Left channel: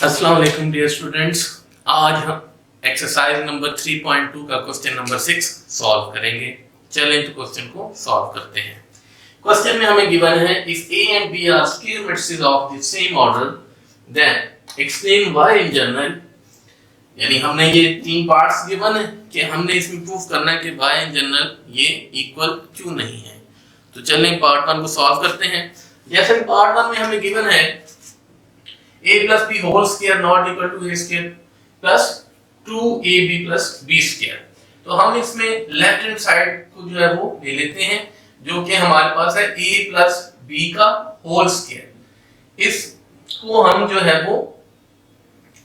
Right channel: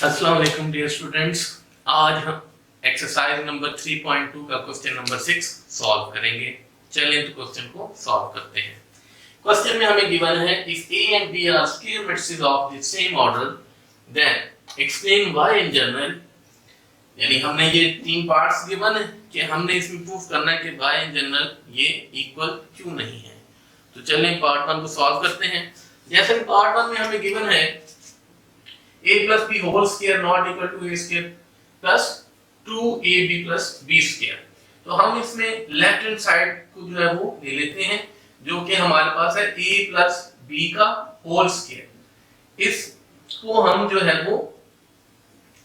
अस्सलाम वालेकुम dear students. आज हम एक्सरसाइज नंबर 3.2 का क्वेश्चन नंबर 6 सॉल्व करेंगे। चलें तो क्वेश्चन को सॉल्व करते हैं। क्वेश्चन में हमें गिवन है if A and B are square matrices of the same order then explain why in general. यानी हमने ये तीन पार्ट्स गिवन है कि हमने इसमें प्रूफ करना है कि व्हाई इन जनरल ये इक्वल क्यों नहीं है। तो चलें पार्ट 1 को सॉल्व करते हैं। जैसे पार्ट 1 में हमें गिवन है a plus b whole square not equal to a square plus 2ab plus b square। तो हम इसमें लेफ्ट हैंड साइड को जो है वो ले लेते हैं जो कि हमारे पास है a plus b का होल स्क्वायर। इसको हम जो है वो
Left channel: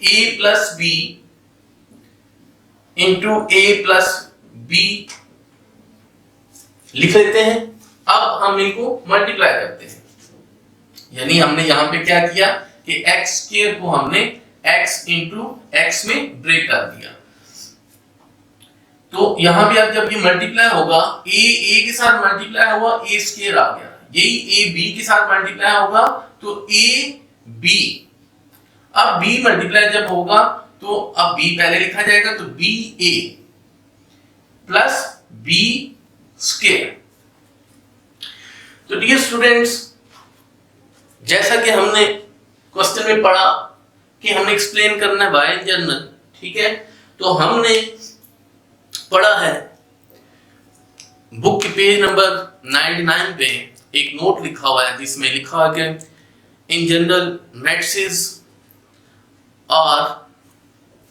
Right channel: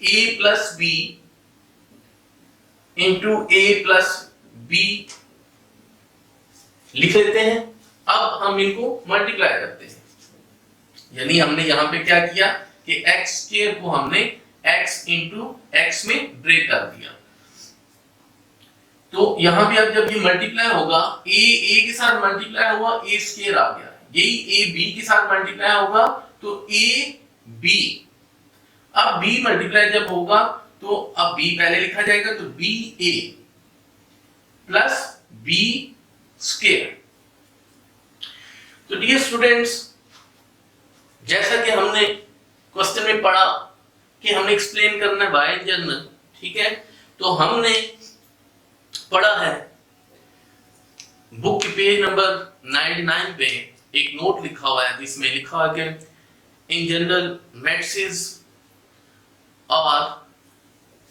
a plus b into a plus b लिख लेते हैं। अब हम इनको मल्टीप्लाई करते हैं, यानी हमने यहां पे क्या किया कि x स्क्वायर को हमने x into x में ब्रेक कर दिया। तो यहां भी अब जब ये मल्टीप्लाई होगा a के साथ मल्टीप्लाई हुआ a स्क्वायर आ गया, यही a b के साथ मल्टीप्लाई होगा तो a b। अब b मल्टीप्लाई जब होगा तो अब b पहले लिखा जाएगा तो b a plus b square. तो डियर स्टूडेंट्स, जैसा कि हमने क्वेश्चन में पढ़ा कि हमें एक्सप्लेन करना है व्हाई इन जनरल, ठीक है। तो हमने पढ़ा है बुक के पेज नंबर 99 पे एक नोट लिखा हुआ है जिसमें लिखा हुआ है कि इन जनरल मैट्रिसेस आर,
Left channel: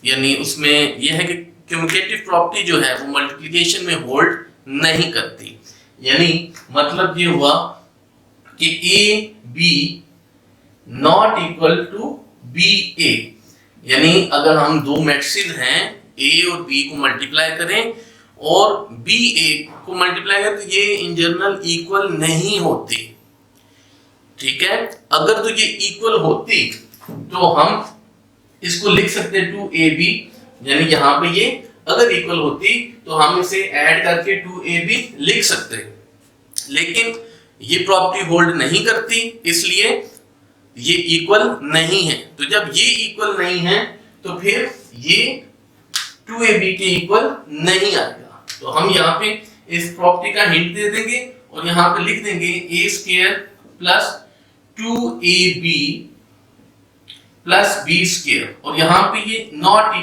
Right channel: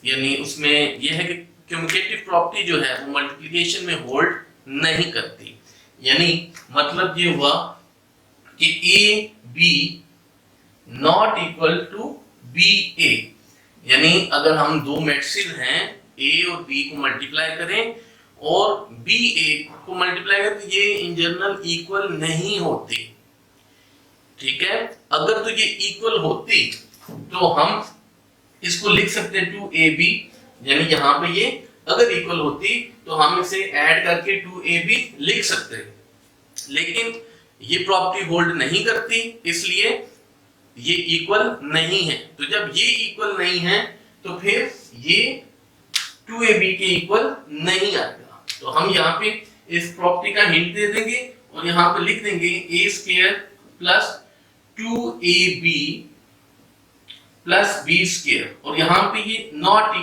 यानी उसमें यह है कि कम्यूटेटिव प्रॉपर्टी जो है वो मल्टीप्लिकेशन में होल्ड नहीं करती। यानी मतलब ये हुआ कि A B not equal to B A. यानी अगर हम दो मैट्रिसेस हैं ए और बी को मल्टीप्लाई करें और बी ए को मल्टीप्लाई करें तो ये इन जनरल इक्वल नहीं होती, ठीक है। अगर तो ये इक्वल होती तो हम इसको लिख सकते 2ab, यानी यहां पे ये अगर इक्वल होती तो हम इसे ऐड करके 2ab लिख सकते, लेकिन ये प्रॉपर्टी होल्ड नहीं करती, इसलिए ये इक्वल नहीं है। तो जब ये इक्वल नहीं है तो फिर ये 2ab के इक्वल नहीं आएगा। तो हम यहाँ पे इस प्रॉपर्टी का हिंट दे देंगे और यहाँ पे लिख देंगे a square plus 2ab plus b square, और यहाँ पे ये नॉट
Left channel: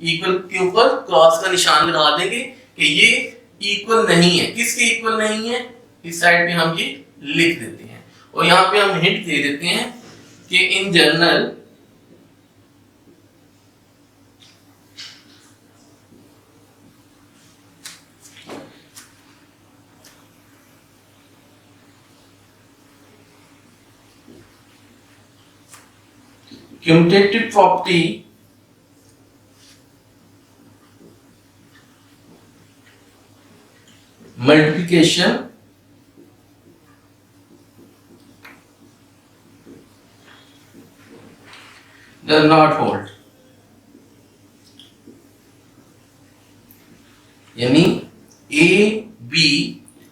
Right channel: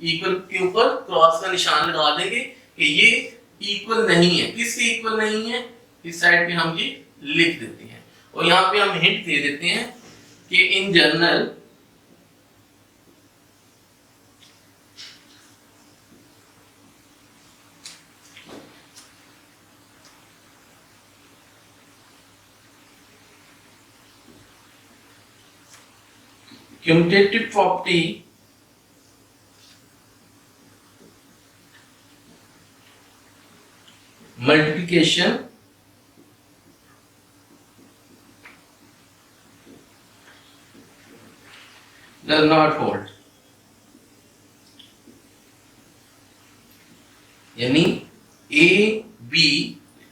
इक्वल के ऊपर क्रॉस का निशान लगा देंगे कि ये इक्वल नहीं है। किसके इक्वल नहीं है, इस साइड पे हम ये लिख देते हैं। और यहां पे हम हिंट दे देते हैं कि in general commutative property multiplication does not hold। यानी a b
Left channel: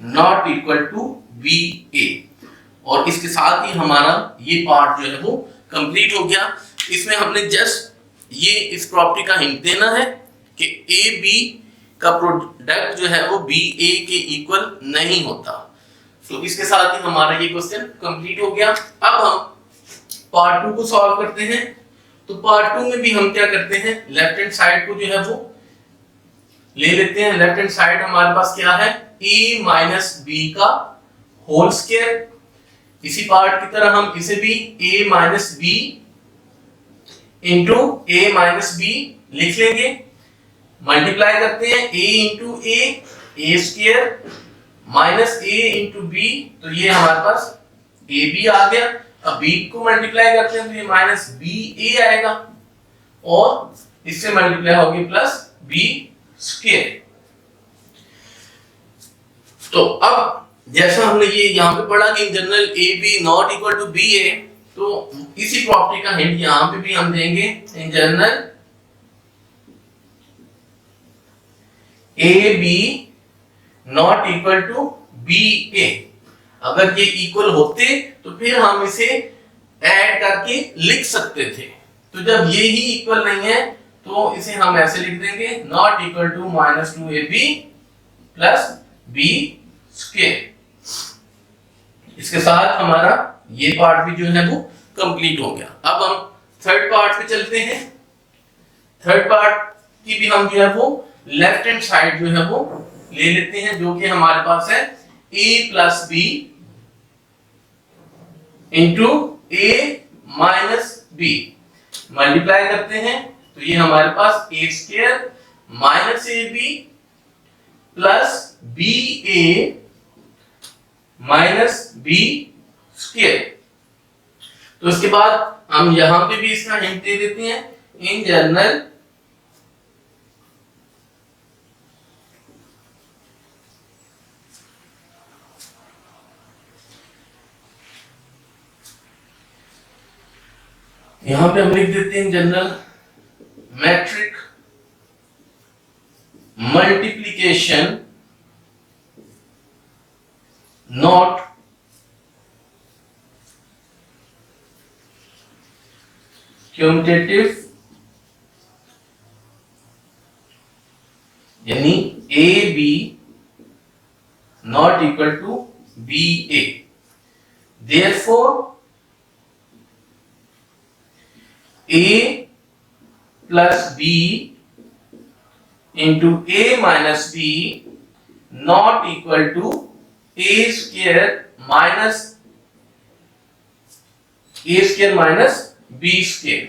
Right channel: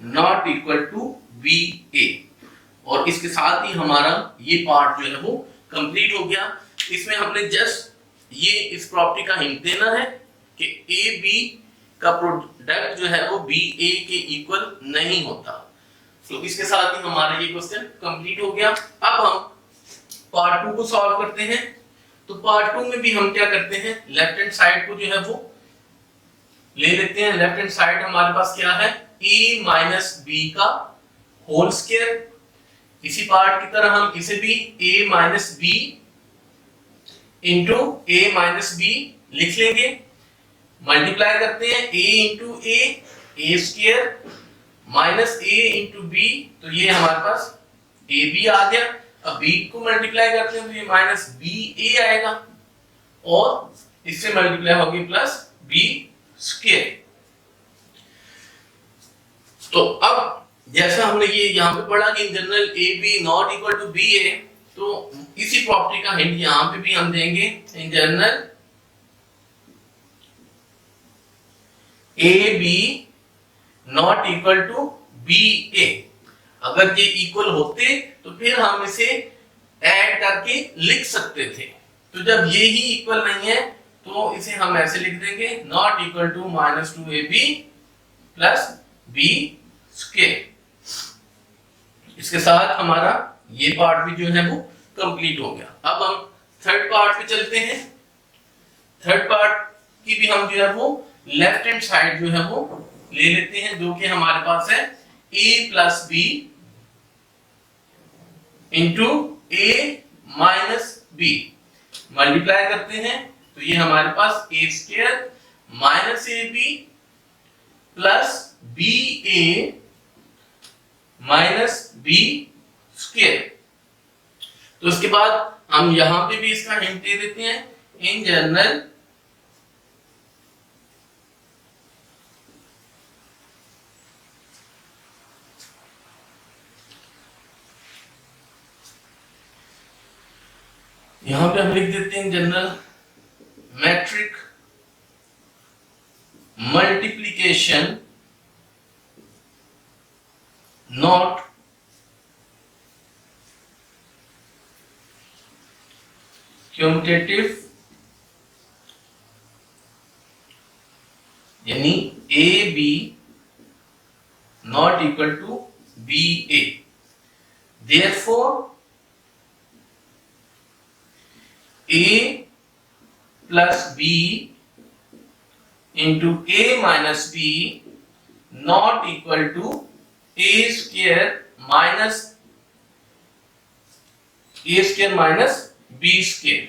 not equal to b a, और इसके साथ ही हमारा ये पार्ट जो है वो कंप्लीट हो गया। इसमें हमने जस्ट ये इस प्रॉपर्टी का हिंट देना है कि a b का प्रोडक्ट जो है वो b a के इक्वल नहीं होता। तो इसके साथ ही हमारा ये क्वेश्चन कंप्लीट हो गया। अब हम पार्ट 2 को सॉल्व करते हैं। तो पार्ट 2 में भी हम क्या करते हैं, लेफ्ट हैंड साइड को जो है वो ले लेते हैं। लेफ्ट हैंड साइड हमारे पास क्या है, a माइनस b का होल स्क्वायर। इसी पार्ट की तरह हम इसे भी a minus b into a minus b लिख लेंगे। मल्टीप्लाई करते हैं a into a square minus a into b, तो ये हमारे पास ab आ गया। अब b को मल्टीप्लाई करते हैं तो ये माइनस ba आएगा और इससे मल्टीप्लाई होगी प्लस b स्क्वायर। तो अब जैसा हमने ये यहाँ पे पढ़ा कि in general ab not equal to ba, तो इसी प्रॉपर्टी का हिंट यहाँ पे भी हम देंगे। In general ab not equal to ba। अगर ये इक्वल होते तो फिर हम इसे ऐड करके लिख सकते थे, तो जब ये ही इक्वल नहीं है तो इसे हम ऐसे लिख देंगे not equal to -2ab plus b square. इसके साथ हमारा ये पार्ट भी जो है वो कंप्लीट हो गया। अब हम थर्ड पार्ट पे चलते हैं। थर्ड पार्ट की भी हम जो है वो लेफ्ट हैंड साइड जो है वो ले लेते हैं, जो कि हमारे पास है a plus b into a minus b। Multiply करते हैं तो ये हमारे पास a square minus ab plus ba minus b square. तो उसके बाद हम यहां पे भी इसका हिंट दे देते हैं, इन जनरल यहां पे हम लिख देते हैं general matrix multiplication not commutative, यानी A B not equal to B A. Therefore a plus b into a minus b not equal to a square minus b square।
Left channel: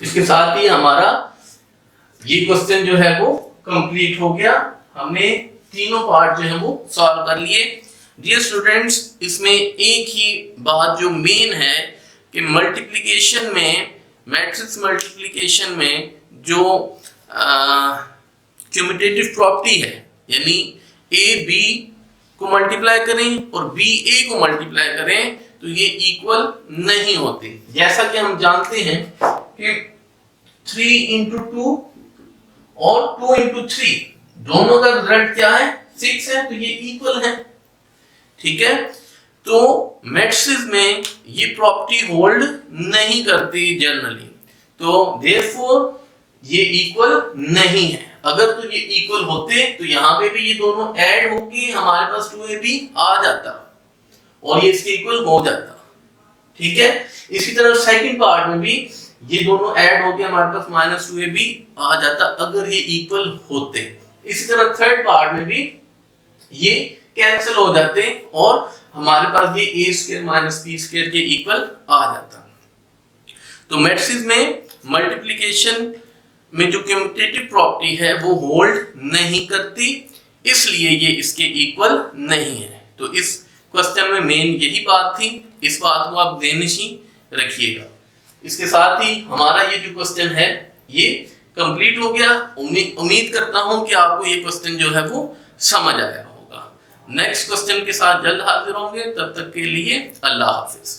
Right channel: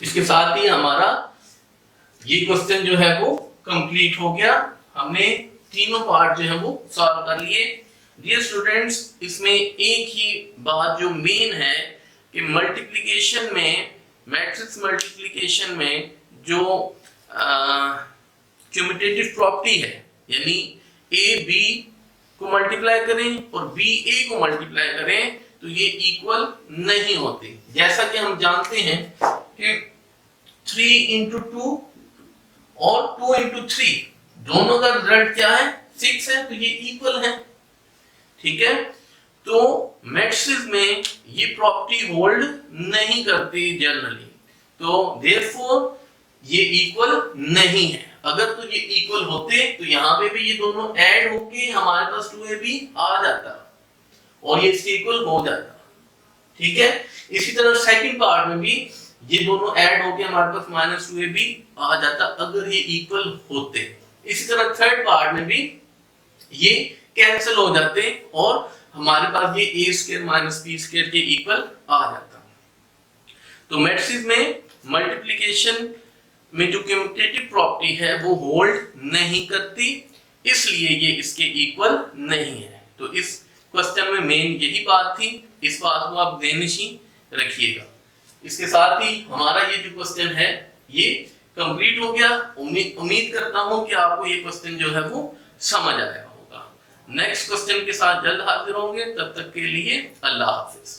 इसके साथ ही हमारा ये क्वेश्चन जो है वो कंप्लीट हो गया। हमने तीनों पार्ट जो है वो सॉल्व कर लिए। डियर स्टूडेंट्स, इसमें एक ही बात जो मेन है कि मल्टीप्लिकेशन में, मैट्रिक्स मल्टीप्लिकेशन में जो क्यूमुटेटिव प्रॉपर्टी है, यानी ए बी को मल्टीप्लाई करें और बी ए को मल्टीप्लाई करें तो ये इक्वल नहीं होते। जैसा कि हम जानते हैं कि 3 into 2 और 2 into 3 दोनों का रिजल्ट क्या है, 6 है, तो ये इक्वल है। ठीक है, तो मैट्रिक्स में ये प्रॉपर्टी होल्ड नहीं करती जनरली, तो देयरफॉर ये इक्वल नहीं है। अगर तो ये इक्वल होते तो यहाँ पे भी ये दोनों ऐड होके हमारे पास 2ab आ जाता और ये इसके इक्वल हो जाता। ठीक है, इसी तरह सेकंड पार्ट में भी ये दोनों ऐड होके हमारे पास -2ab आ जाता अगर ये इक्वल होते। इसी तरह थर्ड पार्ट में भी ये कैंसिल हो जाते और हमारे पास ये a square minus b square के इक्वल आ जाता। तो मैट्रिक्स में मल्टीप्लिकेशन में जो कम्यूटेटिव प्रॉपर्टी है वो होल्ड नहीं करती, इसलिए ये इसके इक्वल नहीं है। तो इस क्वेश्चन में मेन यही बात थी, इस बात को आप ध्यान रखिएगा। इसके साथ ही हमारा ये जो क्वेश्चन है ये कंप्लीट हो गया। उम्मीद करता हूं कि आपको ये क्वेश्चन जो है वो समझ आया होगा। नेक्स्ट क्वेश्चन के साथ जल्द हाजिर होंगे, तब तक के लिए अल्लाह हाफिज।